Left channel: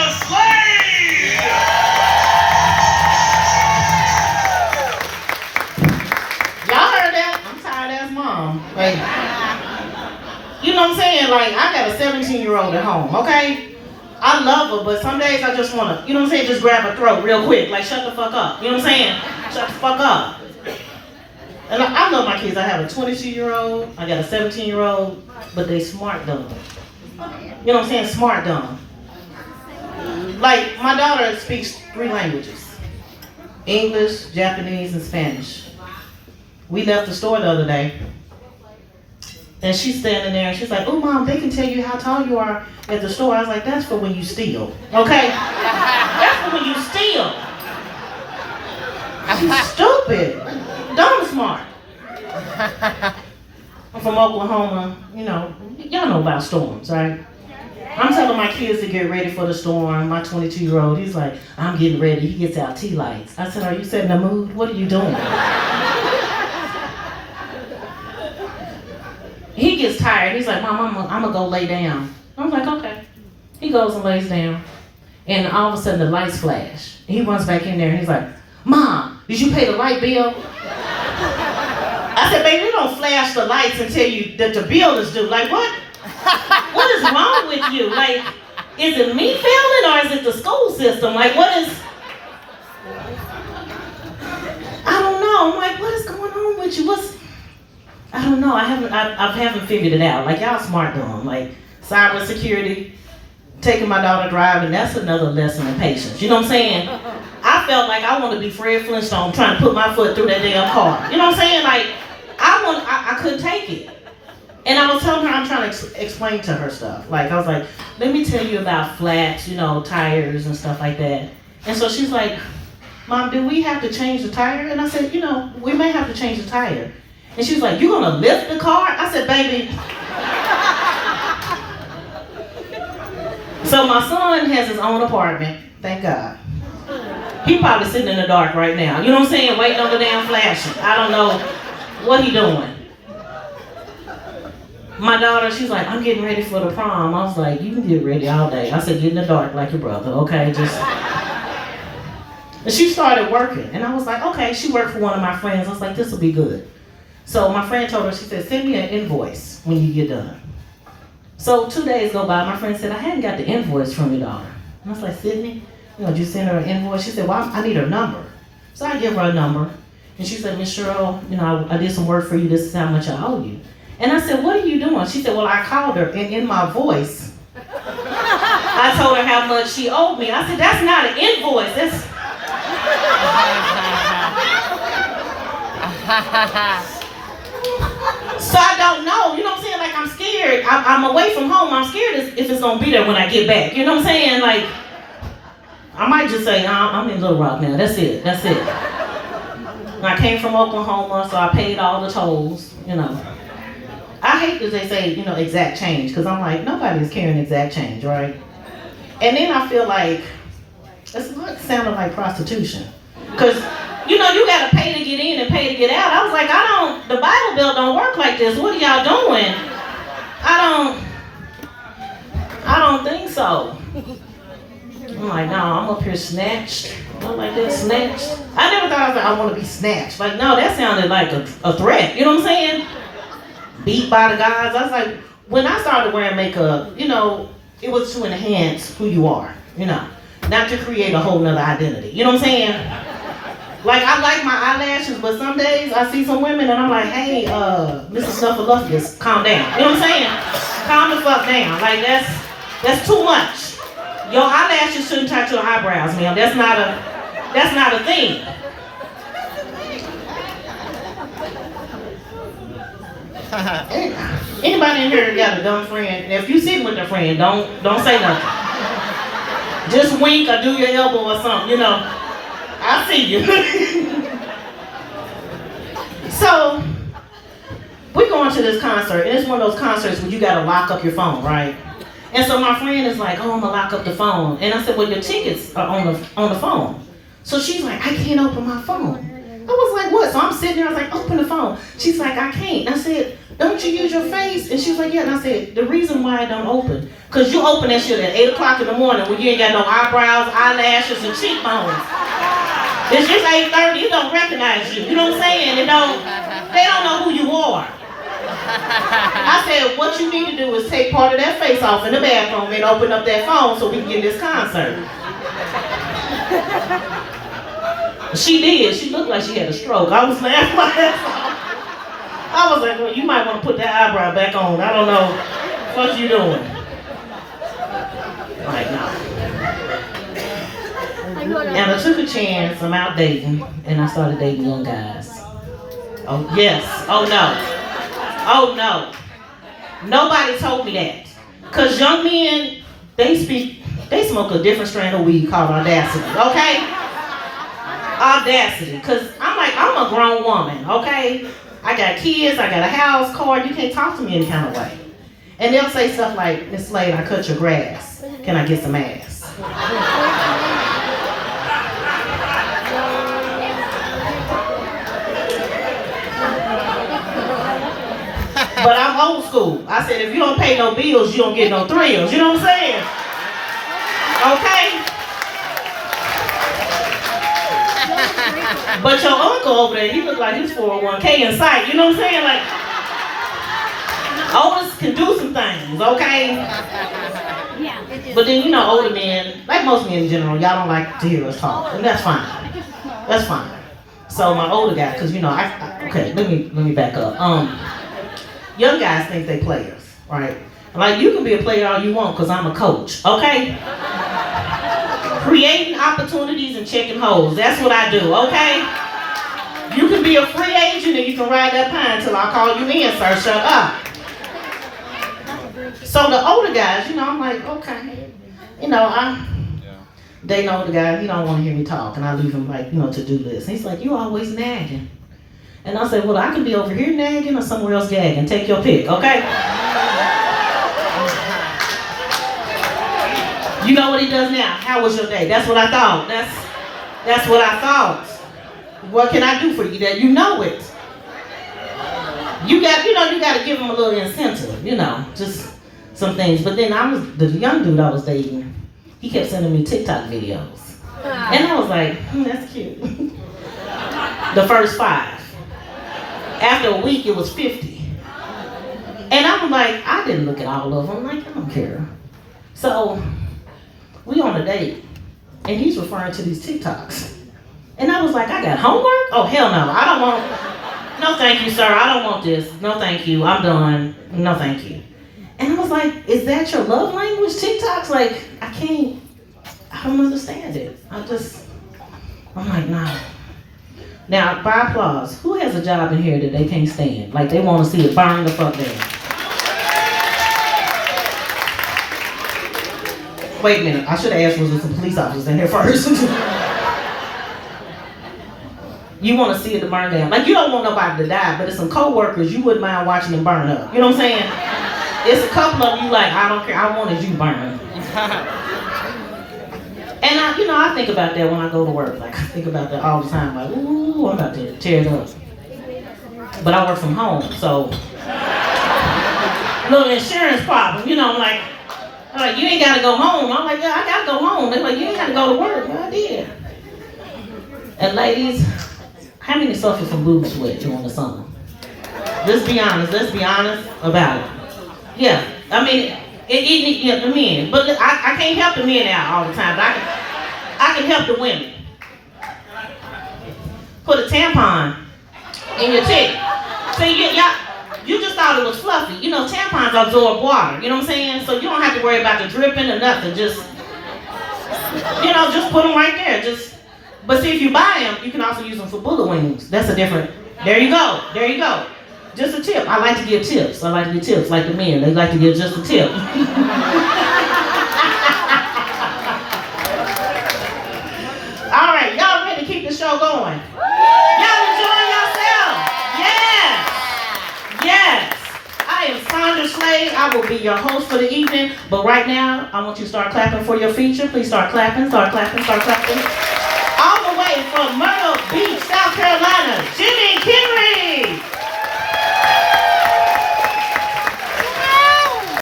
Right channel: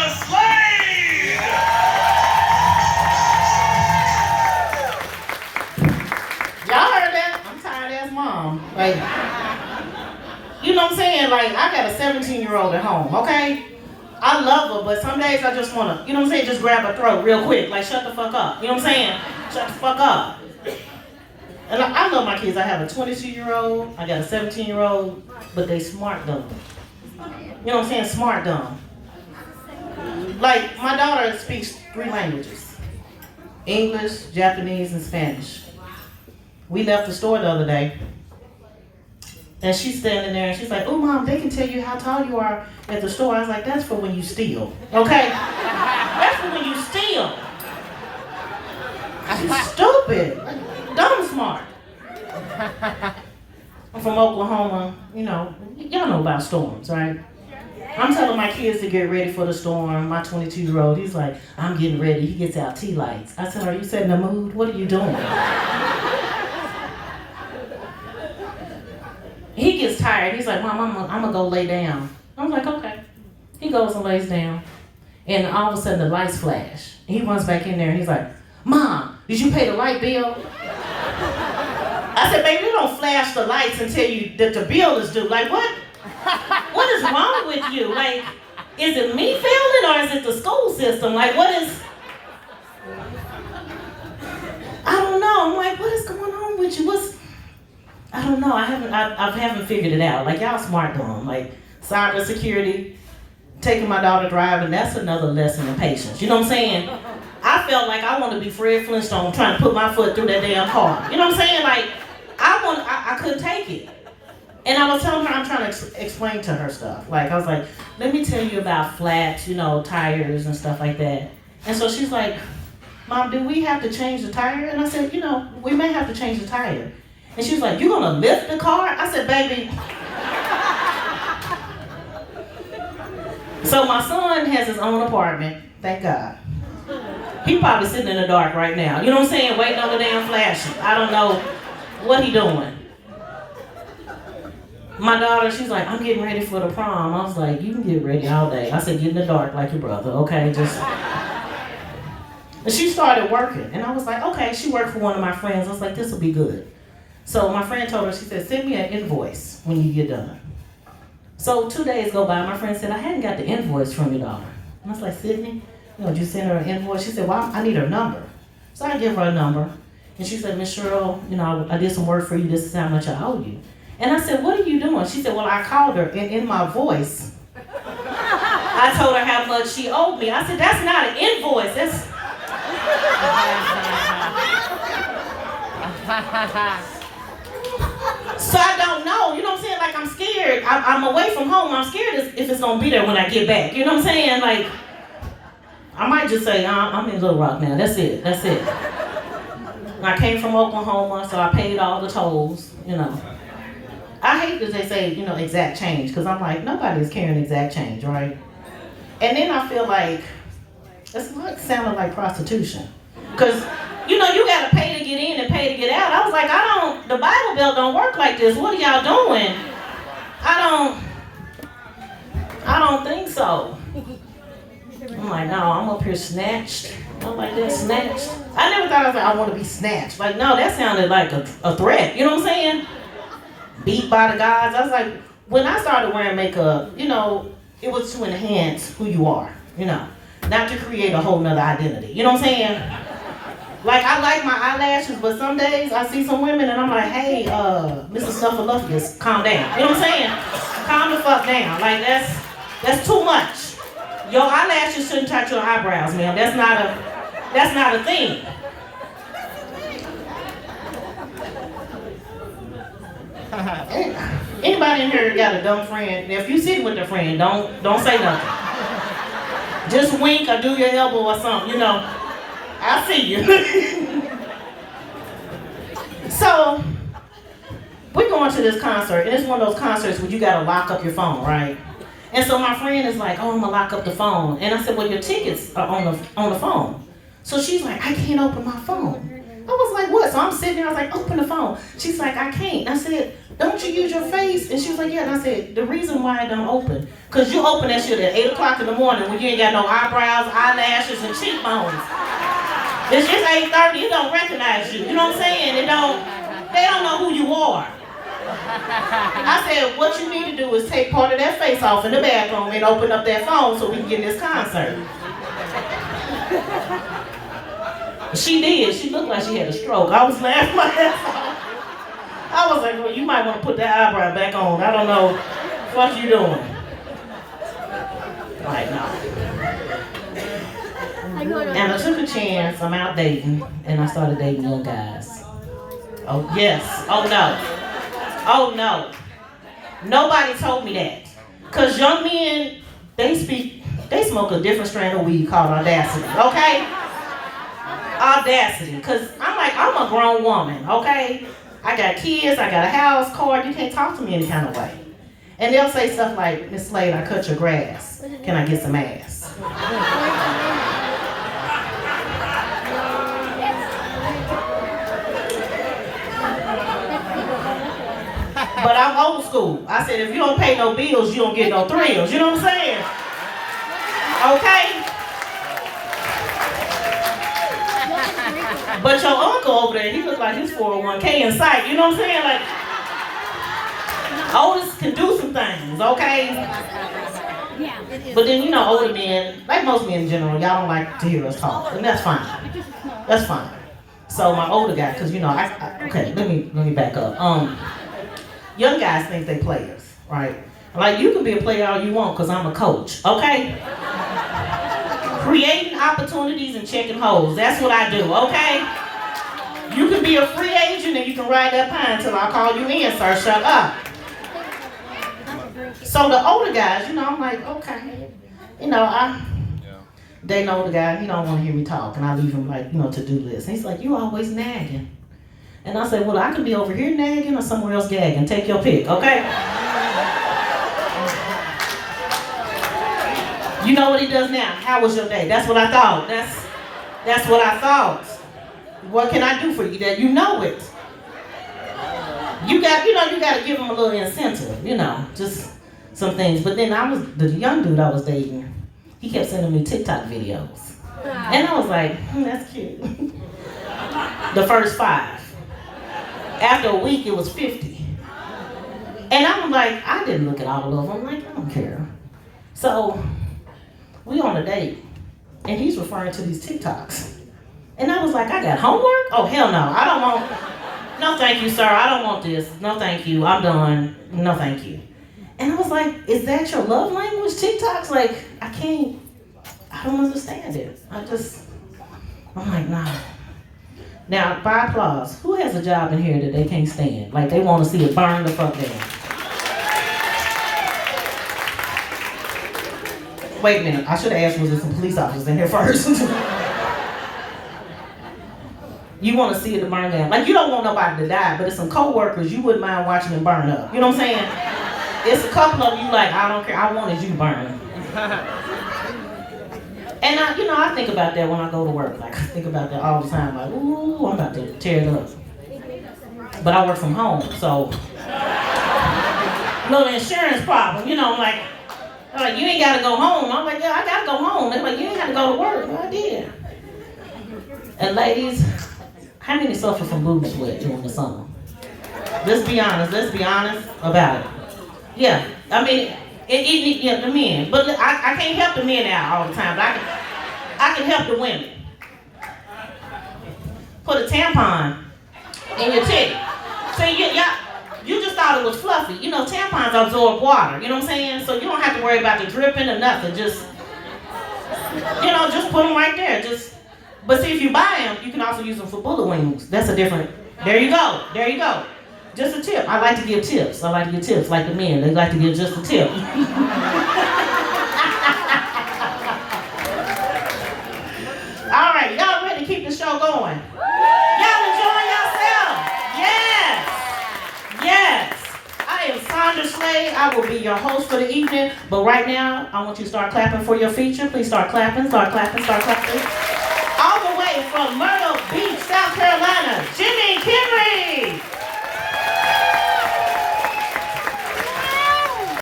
a slave! Y'all heard that? I'm tired ass mom. Like, you know what I'm saying? Like, I got a 17-year-old at home, okay? I love her, but some days I just want to, you know what I'm saying, just grab her throat real quick. Like, shut the fuck up. You know what I'm saying? Shut the fuck up. And I love my kids. I have a 22-year-old, I got a 17-year-old, but they smart dumb. You know what I'm saying? Smart dumb. Like, my daughter speaks 3 languages. English, Japanese, and Spanish. We left the store the other day, and she's standing there, and she's like, "Oh, Mom, they can tell you how tall you are at the store." I was like, "That's for when you steal, okay? That's for when you steal." She's stupid. Dumb smart. I'm from Oklahoma, you know, y'all know about storms, right? I'm telling my kids to get ready for the storm. My 22-year-old, he's like, "I'm getting ready." He gets out tea lights. I said, "Are you setting the mood? What are you doing?" He gets tired. He's like, "Mom, I'm gonna go lay down." I'm like, "Okay." He goes and lays down, and all of a sudden the lights flash. He runs back in there and he's like, "Mom, did you pay the light bill?" I said, "Baby, you don't flash the lights and tell you that the bill is due. Like, what? What is wrong with you? Like, is it me failing or is it the school system? Like, what is? I don't know. I'm like, what is going on with you? I don't know. I haven't figured it out. Like, y'all smart dumb. Like, cybersecurity, taking my daughter driving, that's another lesson in patience. You know what I'm saying? I felt like I want to be Fred Flintstone trying to put my foot through that damn car. You know what I'm saying? Like, I couldn't take it. And I was telling her, I'm trying to explain to her stuff. Like, I was like, let me tell you about flats, you know, tires and stuff like that. And so she's like, "Mom, do we have to change the tire?" And I said, "You know, we may have to change the tire." And she was like, "You gonna lift the car?" I said, "Baby." So my son has his own apartment, thank God. He probably sitting in the dark right now. You know what I'm saying? Waiting on the damn flashing. I don't know what he doing. My daughter, she's like, "I'm getting ready for the prom." I was like, "You can get ready all day." I said, "Get in the dark like your brother, okay? Just." And she started working, and I was like, "Okay." She worked for one of my friends. I was like, "This will be good." So my friend told her, she said, "Send me an invoice when you get done." So 2 days go by, my friend said, "I hadn't got the invoice from your daughter." And I was like, "Sydney, you know, did you send her an invoice?" She said, "Well, I need her number." So I give her a number, and she said, "Miss Cheryl, you know, I did some work for you. This is how much I owe you." And I said, "What are you doing?" She said, "Well, I called her, and in my voice, I told her how much she owed me." I said, "That's not an invoice. That's..." So I don't know, you know what I'm saying? Like, I'm scared. I'm away from home. I'm scared if it's gonna be there when I get back. You know what I'm saying? Like, I might just say, I'm in Little Rock now. That's it. That's it. I came from Oklahoma, so I paid all the tolls, you know. I hate that they say, you know, exact change, because I'm like, nobody's carrying exact change, right? And then I feel like, it's like sounding like prostitution. Because, you know, you gotta pay to get in and pay to get out. I was like, the Bible Belt don't work like this. What are y'all doing? I don't think so. I'm like, no, I'm up here snatched. I'm like, that snatched. I never thought I want to be snatched. Like, no, that sounded like a threat. You know what I'm saying? Beat by the guys. I was like, when I started wearing makeup, you know, it was to enhance who you are, you know, not to create a whole nother identity. You know what I'm saying? Like, I like my eyelashes, but some days I see some women and I'm like, "Hey, Mrs. Snuffleupagus, calm down." You know what I'm saying? Calm the fuck down. Like, that's too much. Your eyelashes shouldn't touch your eyebrows, ma'am. That's not a thing. Anybody in here got a dumb friend? And if you sitting with a friend, don't say nothing. Just wink or do your elbow or something, you know. I see you. So, we're going to this concert, and it's one of those concerts where you gotta lock up your phone, right? And so my friend is like, "Oh, I'm gonna lock up the phone." And I said, "Well, your tickets are on the phone." So she's like, "I can't open my phone." I was like, said, what? So I'm sitting there, I was like, open the phone. She's like, I can't. I said, don't you use your face? And she was like, yeah. And I said, the reason why I don't open, because you open that shit at 8 o'clock in the morning when you ain't got no eyebrows, eyelashes, and cheekbones. It's just 8:30, it don't recognize you. You know what I'm saying? They don't know who you are. I said, what you need to do is take part of that face off in the bathroom and open up that phone so we can get this concert. She did. She looked like she had a stroke. I was laughing my ass off. I was like, well, you might want to put that eyebrow back on. I don't know what you doing. Like, no. And I took a chance. I'm out dating, and I started dating young guys. Oh, yes. Oh, no. Oh, no. Nobody told me that. Because young men, they smoke a different strand of weed called audacity, okay? Audacity. Because I'm a grown woman, okay? I got kids, I got a house, car, you can't talk to me any kind of way. And they'll say stuff like, Miss Slade, I cut your grass. Can I get some ass? But I'm old school. I said, if you don't pay no bills, you don't get no thrills. You know what I'm saying? Okay? But your uncle over there, he look like his 401k in sight. You know what I'm saying? Like, oldest can do some things, okay? But then, you know, older men, like most men in general, y'all don't like to hear us talk. And that's fine. That's fine. So my older guy, because, you know, okay, let me back up. Young guys think they players, right? Like, you can be a player all you want because I'm a coach, okay? Creating opportunities and checking holes, that's what I do, okay? You can be a free agent and you can ride that pine until I call you in, sir, shut up. So the older guys, you know, I'm like, okay. You know, they know the guy, he don't want to hear me talk, and I leave him like, you know, to do this. And he's like, you always nagging. And I said, well, I can be over here nagging or somewhere else gagging. Take your pick, okay? You know what he does now? How was your day? That's what I thought. That's what I thought. What can I do for you? That you know it. You got to give him a little incentive, you know, just some things. But then the young dude I was dating, he kept sending me TikTok videos. And I was like, that's cute. The first 5. After a week, it was 50. And I'm like, I didn't look at all of them. I'm like, I don't care. So, we on a date, and he's referring to these TikToks. And I was like, I got homework? Oh, hell no. I don't want, no thank you, sir. I don't want this. No thank you. I'm done. No thank you. And I was like, is that your love language, TikToks? Like, I don't understand it. I'm like, nah. Now, by applause, who has a job in here that they can't stand? Like, they want to see it burn the fuck down. Wait a minute, I should have asked was there some police officers in here first. You want to see it burn down. Like, you don't want nobody to die, but it's some co-workers you wouldn't mind watching them burn up. You know what I'm saying? It's a couple of you like, I don't care, I wanted you burn. And I think about that when I go to work. Like, I think about that all the time. Like, ooh, I'm about to tear it up. But I work from home, so little insurance problem. You know, like you ain't gotta go home. I'm like, yeah, I gotta go home. They're like, you ain't gotta go to work. Well, I did. And ladies, how many suffer from boob sweat during the summer? Let's be honest about it. Yeah, I mean. The men, but I can't help the men out all the time, but I can help the women. Put a tampon in your titty. See, you just thought it was fluffy. You know, tampons absorb water, you know what I'm saying? So you don't have to worry about the dripping or nothing. Just put them right there. But see, if you buy them, you can also use them for bullet wings. That's a different, there you go. Just a tip. I like to give tips. Like the men. They like to give just a tip. All right, y'all ready to keep the show going? Y'all enjoying yourself? Yes. I am Sandra Slade. I will be your host for the evening. But right now, I want you to start clapping for your feature. Please start clapping. All the way from Myrtle Beach, South Carolina.